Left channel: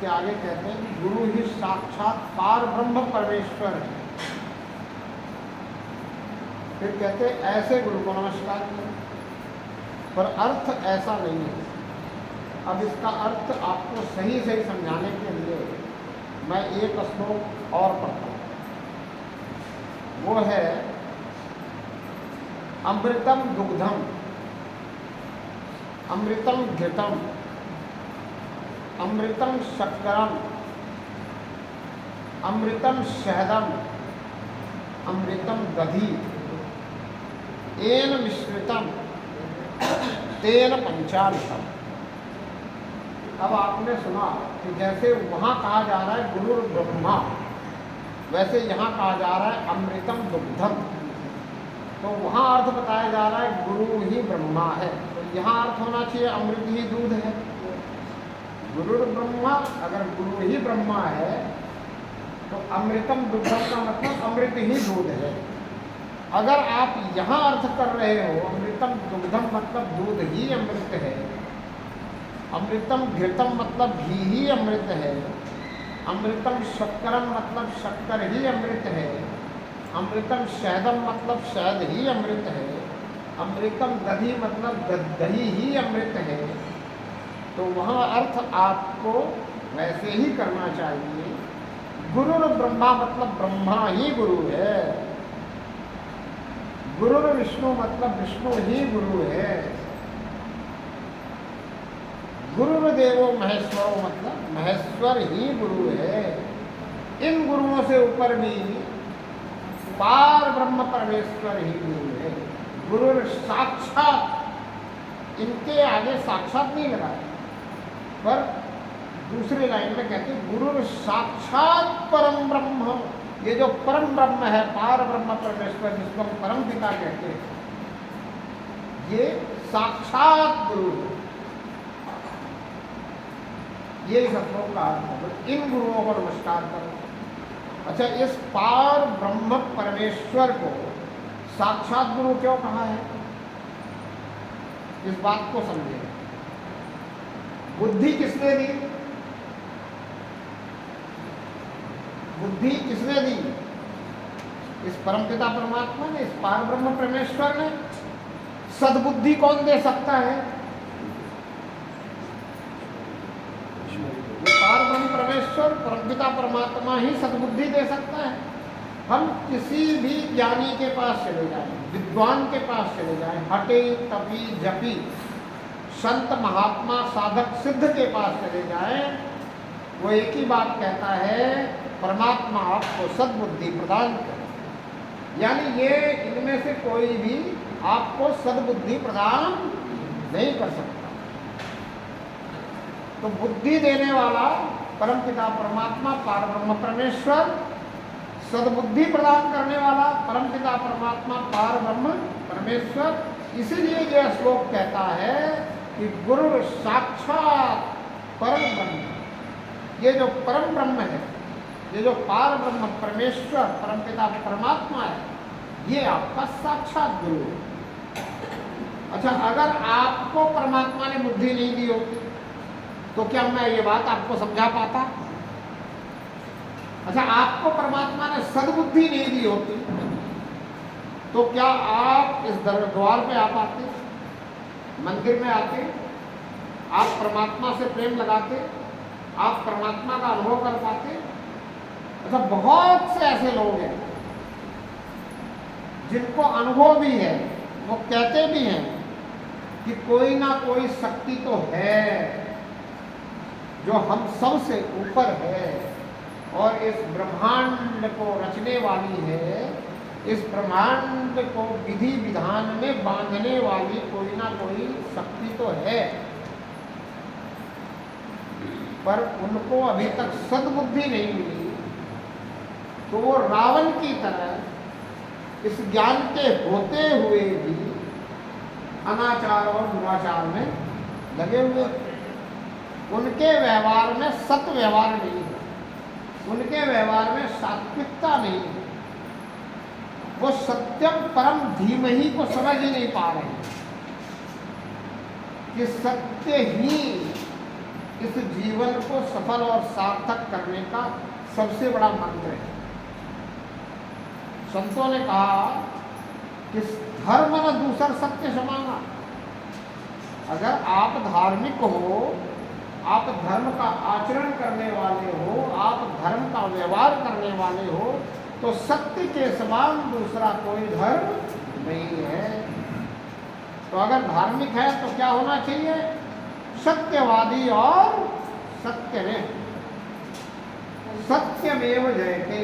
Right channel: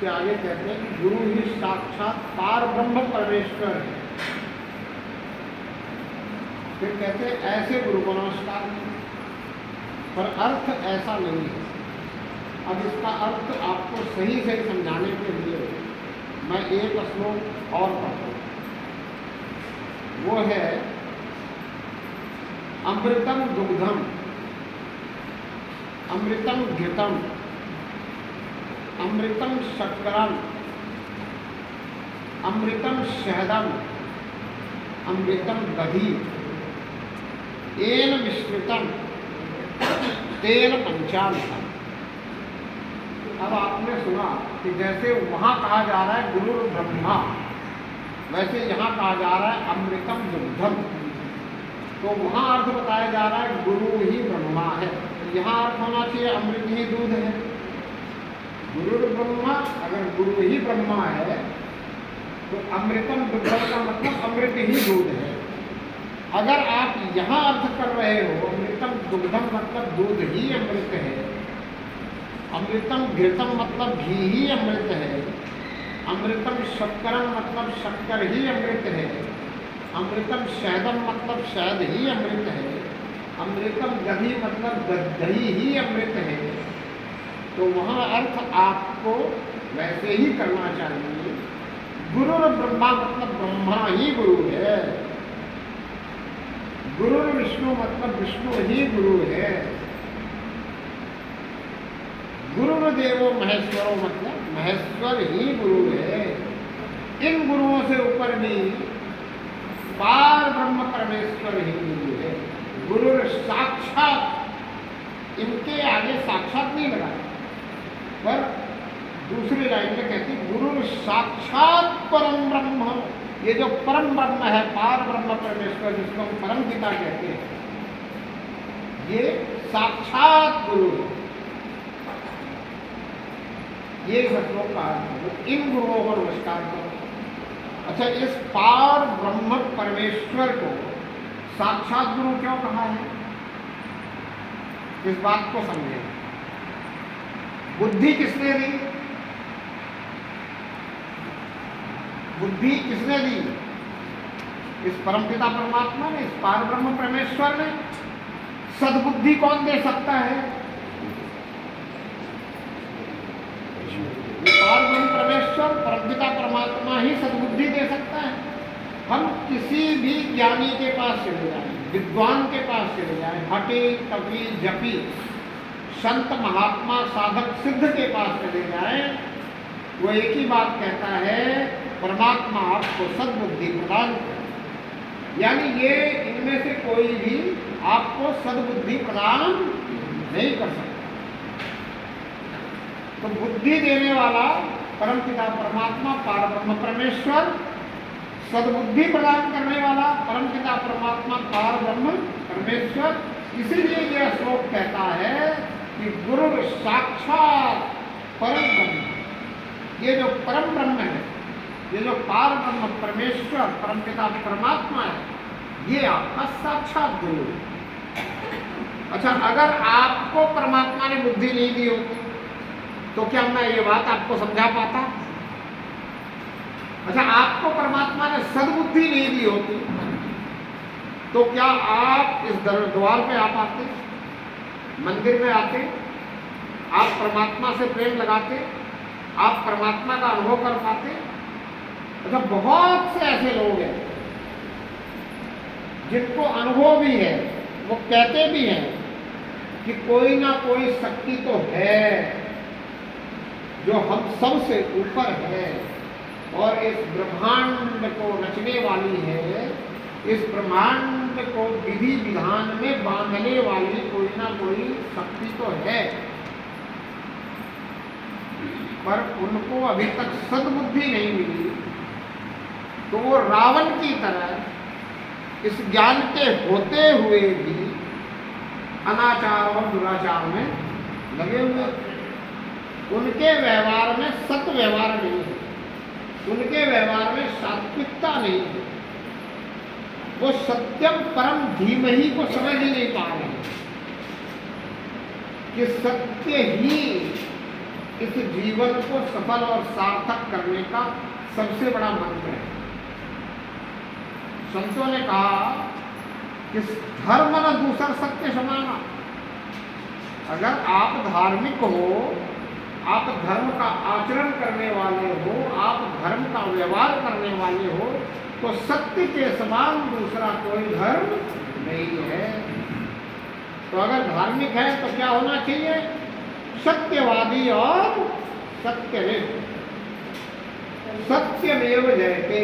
उसके आगे कहते हैं कि गुरु ही साक्षात पार ब्रह्म परमेश्वर है। फिर कहते हैं ऐसे गुरु को नमस्कार करें, पर अर्थ ऐसा नहीं है। अब इसका अर्थ आपको सही सही समझाने के लिए मैं एक श्लोक और पढ़ता हूँ। वो है अमृतम दुग्धम अमृतम घृतम अमृतम शक्करम अमृतम शहदम अमृतम दधी एन मिश्रितम तेन पंचामृतम। अब आपने सुना कि जैसे वहाँ कहा जा रहा है गुरु ब्रह्मा, वैसे यहाँ कहा जा रहा है अमृतम दुग्धम। तो वहाँ अर्थ बताया जा रहा है गुरु ही ब्रह्मा है, यहाँ अर्थ होना चाहिए अमृत ही दूध है। गुरु ब्रह्मा, अगर गुरु ही ब्रह्मा है तो अमृतम दुग्धम का मतलब अमृत ही दूध है। अगर आप यहाँ अर्थ कर रहे हो अमृतम दुग्धम मतलब दूध ही अमृत है, अमृतम घृतम मतलब घी ही अमृत है, अमृतम शक्करम मतलब शक्कर ही अमृत है, अमृतम शहदम मतलब शहद ही अमृत है, अमृतम दही मतलब दही ही अमृत है, तो वहाँ अर्थ आपको वैसे ही करना चाहिए। गुरु ब्रह्मा मतलब ब्रह्मा ही गुरु है, गुरु विष्णु मतलब विष्णु ही गुरु है, गुरुर्देवो महेश्वरो मतलब महेश्वर ही गुरु है। इन गुरुओं से ऊपर भी पार ब्रह्म परमेश्वर ही गुरु है। गुरु साक्षात, इनके आगे साक्षात नहीं लगाया, पर दूसरी लाइन में कहते गुरु साक्षात परम ब्रह्म। ये जो परम ब्रह्म है, पार ब्रह्म परमेश्वर, जिसको हम परम पिता कहते हैं, ये साक्षात गुरु है। ये श्लोक का अर्थ है। इन गुरुओं को नमस्कार करो। अच्छा, इस पार ब्रह्म परमेश्वर को साक्षात गुरु क्यों कहा है, इस बात को समझे। बुद्धि किसने दी? बुद्धि किसने दी? इस परमपिता परमात्मा ने, इस पार ब्रह्म परमेश्वर ने। सद्बुद्धि कौन दे सकता है? पार ब्रह्म परमेश्वर परमपिता परमात्मा ही सद्बुद्धि दे सकता है। हम किसी भी ज्ञानी के पास चले जाएं, विद्वान के पास चले जाएं, हटे तपी जपी संत महात्मा साधक सिद्ध के पास चले जाएं, वो एक ही बात कहता है, परमात्मा आपको सद्बुद्धि प्रदान करे। यानी ये इनमें से कोई भी आपको सद्बुद्धि प्रदान नहीं कर सकता। तो बुद्धि देने वाला परमपिता परमात्मा पार ब्रह्म परमेश्वर, सद्बुद्धि प्रदान करने वाला परमपिता परमात्मा पार ब्रह्म परमेश्वर। इसीलिए यह श्लोक कहता है कि गुरु साक्षात परम ब्रह्म। ये जो परम ब्रह्म है, ये जो पार ब्रह्म परमेश्वर परमपिता परमात्मा है, ये आपका साक्षात गुरु है। अच्छा, अगर आपको परमात्मा ने बुद्धि नहीं दी हो तो क्या मैं ये बात आपको समझा पाता? अच्छा, आपको परमात्मा ने सद्बुद्धि नहीं दी होती तो क्या आप इस द्वार पे आ पाते, मंदिर में आते, आप परमात्मा से प्रेम लगाते, आप परमात्मा का अनुभव कर पाते? अच्छा, बहुत से ऐसे लोग हैं जिनको अनुभव भी है, वो कहते भी हैं कि कोई ना कोई शक्ति तो है जो हम सब से ऊपर है और इस ब्रह्मांड को रचने वाली है, इस ब्रह्मांड को विधि विधान में बांधने वाली कोई ना कोई शक्ति तो है, पर उनको अभी तक सद्बुद्धि नहीं मिली। तो वो रावण की तरह इस ज्ञान के होते हुए भी अनाचार और दुराचार में लगे हुए। उनके व्यवहार में सत्य व्यवहार नहीं है, उनके व्यवहार में सात्विकता नहीं है, वो सत्यम परम धीमहि को समझ ही नहीं पा रहे कि सत्य ही इस जीवन जीवन को सफल और सार्थक करने का सबसे बड़ा मंत्र है। संतों ने कहा कि धर्म न दूसर सत्य समाना। अगर आप धार्मिक हो, आप धर्म का आचरण करने वाले हो, आप धर्म का व्यवहार करने वाले हो, तो सत्य के समान दूसरा कोई धर्म नहीं है। तो अगर धार्मिक है तो क्या होना चाहिए? सत्यवादी और सत्यनिष्ठ। सत्यमेव जयते,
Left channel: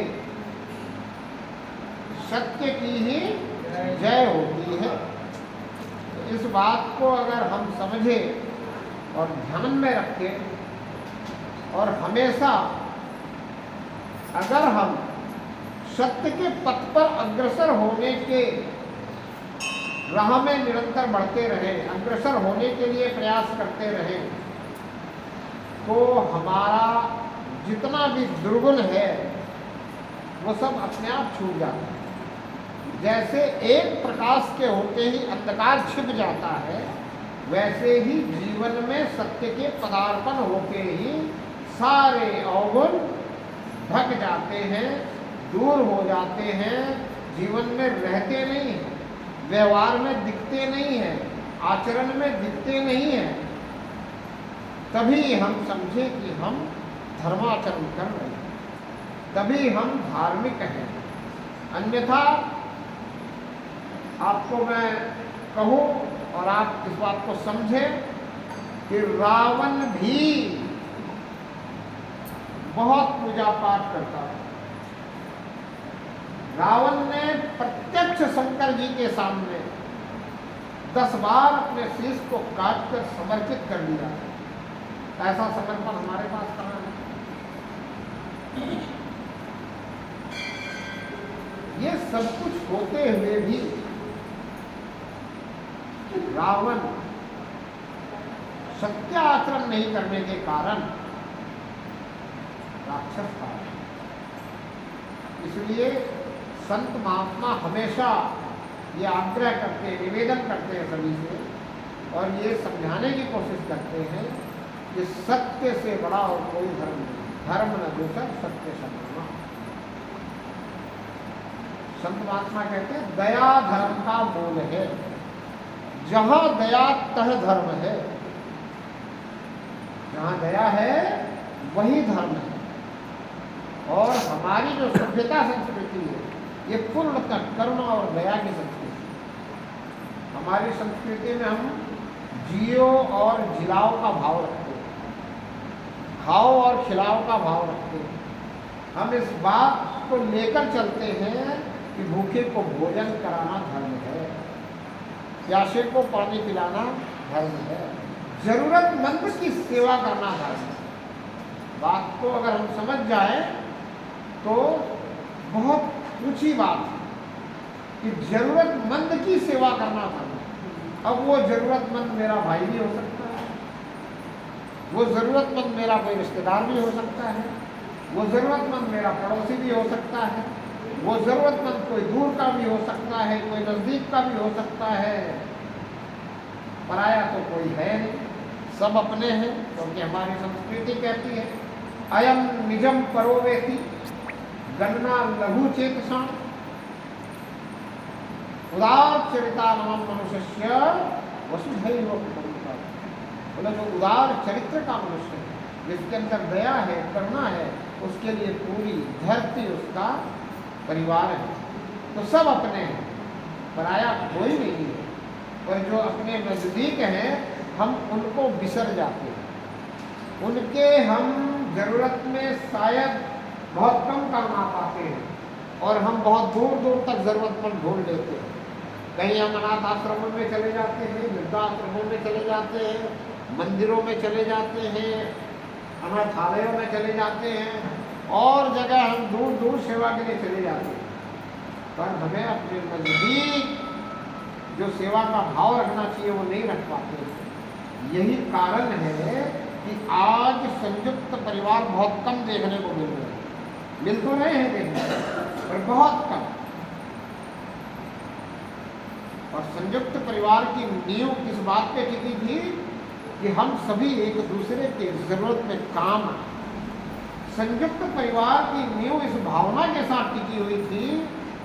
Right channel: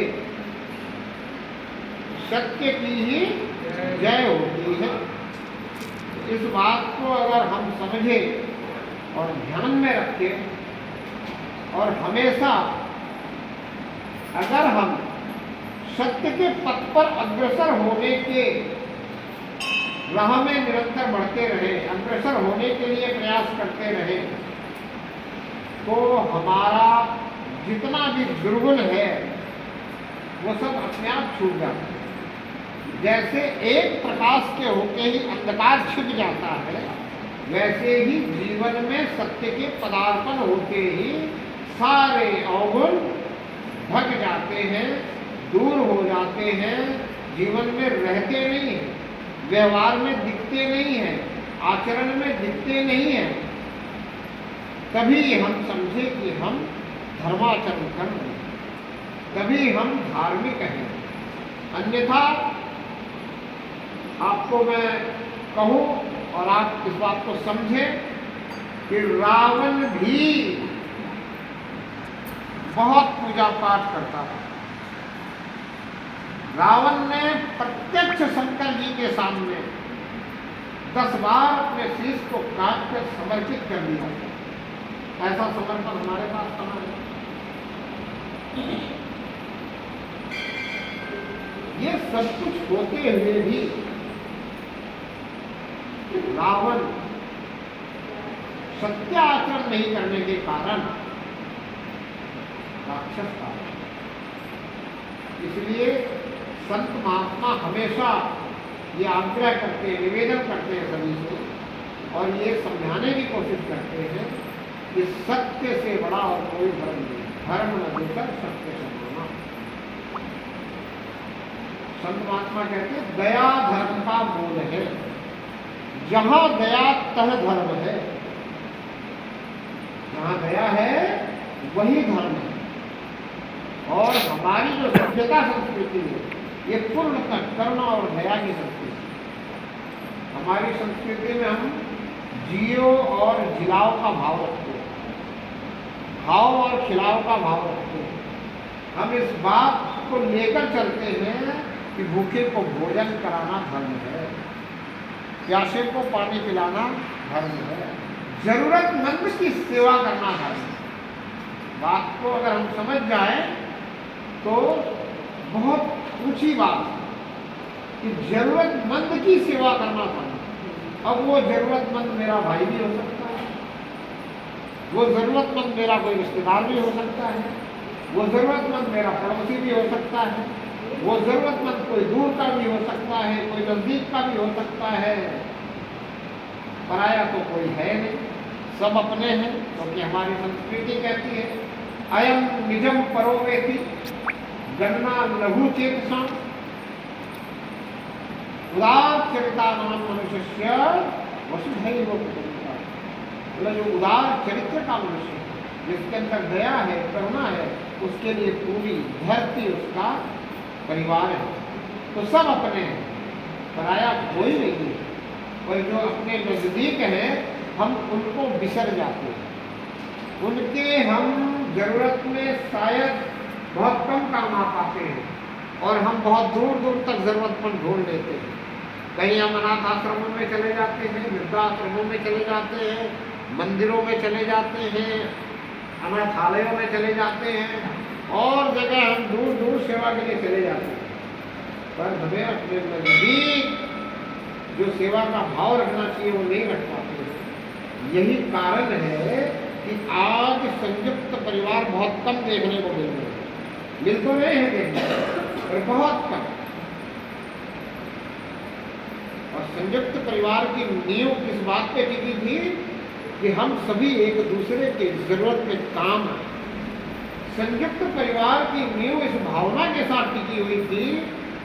सत्य की ही जय होती है। इस बात को अगर हम समझें और ध्यान में रखें और हमेशा अगर हम सत्य के पथ पर अग्रसर होने के राह में निरंतर बढ़ते रहे, अग्रसर होने के लिए प्रयास करते रहे, तो हमारा जितना भी दुर्गुण है वो सब अपने आप छूट जाता है। जैसे एक प्रकाश के होते ही अंधकार छिप जाता है, वैसे ही जीवन में सत्य के पदार्पण होते ही सारे अवगुण ढक जाते हैं, दूर हो जाते हैं, जीवन में रहते नहीं हैं, व्यवहार में दिखते नहीं हैं, आचरण में दिखते नहीं हैं। तभी हम समझे कि हम धर्माचरण कर रहे हैं, तभी हम धार्मिक हैं। अन्यथा आपको मैं कहूँ और आप इस बात को समझें कि रावण भी बहुत पूजा पाठ करता है। रावण ने प्रत्यक्ष शंकर जी के सामने 10 बार अपने शीश को काट कर समर्पित कर दिया। ऐसा समर्पण हमारे पास कहाँ है? ये सब कुछ होते हुए भी रावण सत्य आचरण नहीं करने के कारण राक्षस था। इसलिए संत महात्मा हमेशा ये आग्रह करते हैं, निवेदन करते हैं सभी से, और ये समझाने की कोशिश करते हैं कि सत्य से बड़ा और कोई धर्म नहीं है। धर्म न दूसर सत्य समाना। संत महात्मा कहते हैं दया धर्म का मूल है। जहां दया तह धर्म है। जहां दया है वही धर्म है। और हमारी जो सभ्यता संस्कृति है ये पूर्णतः करुणा और दया की संस्कृति। हमारी संस्कृति में हम जियो और जिलाओ का भाव रखते हैं, खाओ और खिलाओ का भाव रखते हैं। हम इस बात को लेकर चलते हैं कि भूखे को भोजन कराना धर्म है, प्यासे को पानी पिलाना धर्म है, जरूरतमंद की सेवा करना धर्म है। बात को अगर हम समझ जाएं तो बहुत ऊंची बात है कि जरूरतमंद की सेवा करना धर्म है। अब वो जरूरतमंद मेरा भाई भी हो सकता है, वो जरूरतमंद मेरा कोई रिश्तेदार भी हो सकता है, वो जरूरतमंद मेरा पड़ोसी भी हो सकता है, वो जरूरतमंद कोई दूर का भी हो सकता है, कोई नजदीक का भी हो सकता है। पराया तो कोई है नहीं, सब अपने हैं। क्योंकि हमारी संस्कृति कहती है अयम निजम परोवेति गन्ना लघु चेतसा उदार चरिता नाम मनुष्य वसुधैव कुटुम्बकम्। बोला जो उदार चरित्र का मनुष्य है, जिसके अंदर दया है, करुणा है, उसके लिए पूरी धरती उसका परिवार है। तो सब अपने हैं, पराया कोई नहीं है। पर जो अपने नजदीक हैं हम उनको बिसर जाते हैं, उनके हम जरूरत में शायद बहुत कम काम आ पाते हैं और हम बहुत दूर दूर तक जरूरतमंद ढूंढ लेते हैं। कहीं हम अनाथ आश्रमों में चले जाते हैं, वृद्धाश्रमों में चले जाते हैं, मंदिरों में चले जाते हैं, अनाथालयों में चले जाते हैं, और जगह हम दूर दूर सेवा के लिए चले जाते हैं। पर हमें अपने नजदीक जो सेवा का भाव रखना चाहिए वो नहीं रख पाते। यही कारण है कि आज संयुक्त परिवार बहुत कम देखने को मिल रहे हैं। मिल तो रहे हैं देखने पर बहुत कम। और संयुक्त परिवार की नींव किस बात पे टिकी थी कि हम सभी एक दूसरे की ज़रूरत में काम आए। संयुक्त परिवार की नींव इस भावना के साथ टिकी हुई थी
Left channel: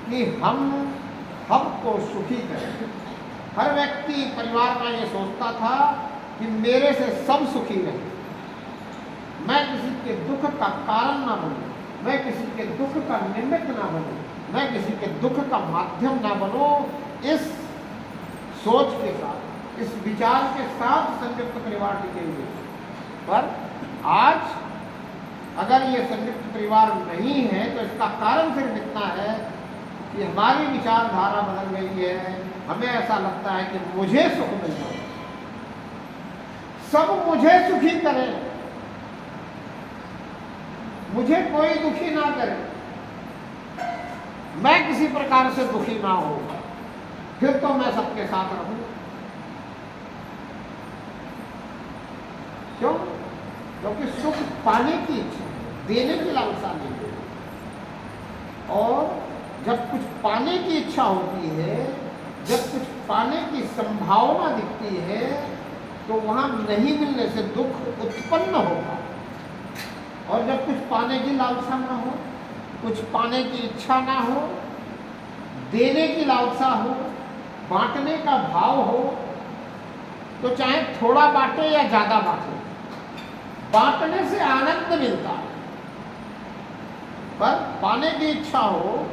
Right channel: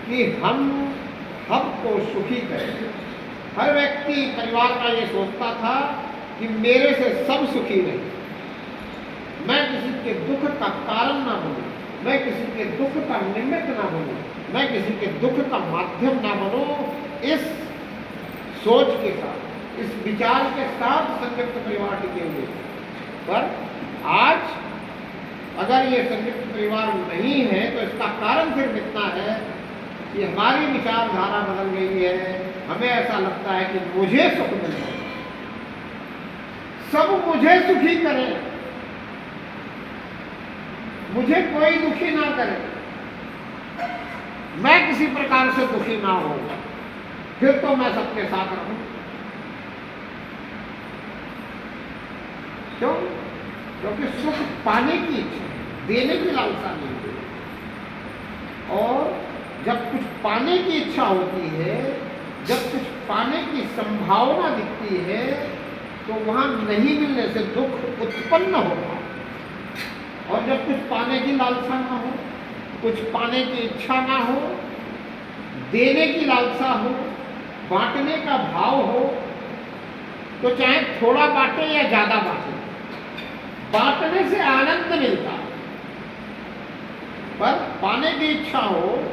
कि हम सबको सुखी करें। हर व्यक्ति परिवार का ये सोचता था कि मेरे से सब सुखी रहें, मैं किसी के दुख का कारण ना बनूं, मैं किसी के दुख का निमित्त ना बनूं, मैं किसी के दुख का माध्यम ना बनूं। इस सोच के साथ, इस विचार के साथ संयुक्त परिवार टिके हुए। पर आज अगर ये संयुक्त परिवार नहीं है तो इसका कारण सिर्फ इतना है कि हमारी विचारधारा बदल गई है। हमें ऐसा लगता है कि मुझे सुख मिल रहा है, सब मुझे सुखी करें, मुझे कोई दुखी ना करे, मैं किसी प्रकार से दुखी ना हो, फिर तो मैं सबके साथ रहूं। क्यों? क्योंकि सुख पाने की इच्छा है, देने की लालसा नहीं है। और जब कुछ पाने की इच्छा होती है, जब कुछ पाने की संभावना दिखती है, तो वहां नहीं मिलने से दुख उत्पन्न होगा। और जब कुछ पाने की लालसा ना हो, कुछ पाने की इच्छा ना हो, देने की लालसा हो, बांटने का भाव हो, तो चाहे थोड़ा बांटे या ज्यादा बांटे, बांटने से आनंद मिलता है। पर पाने की इच्छा हो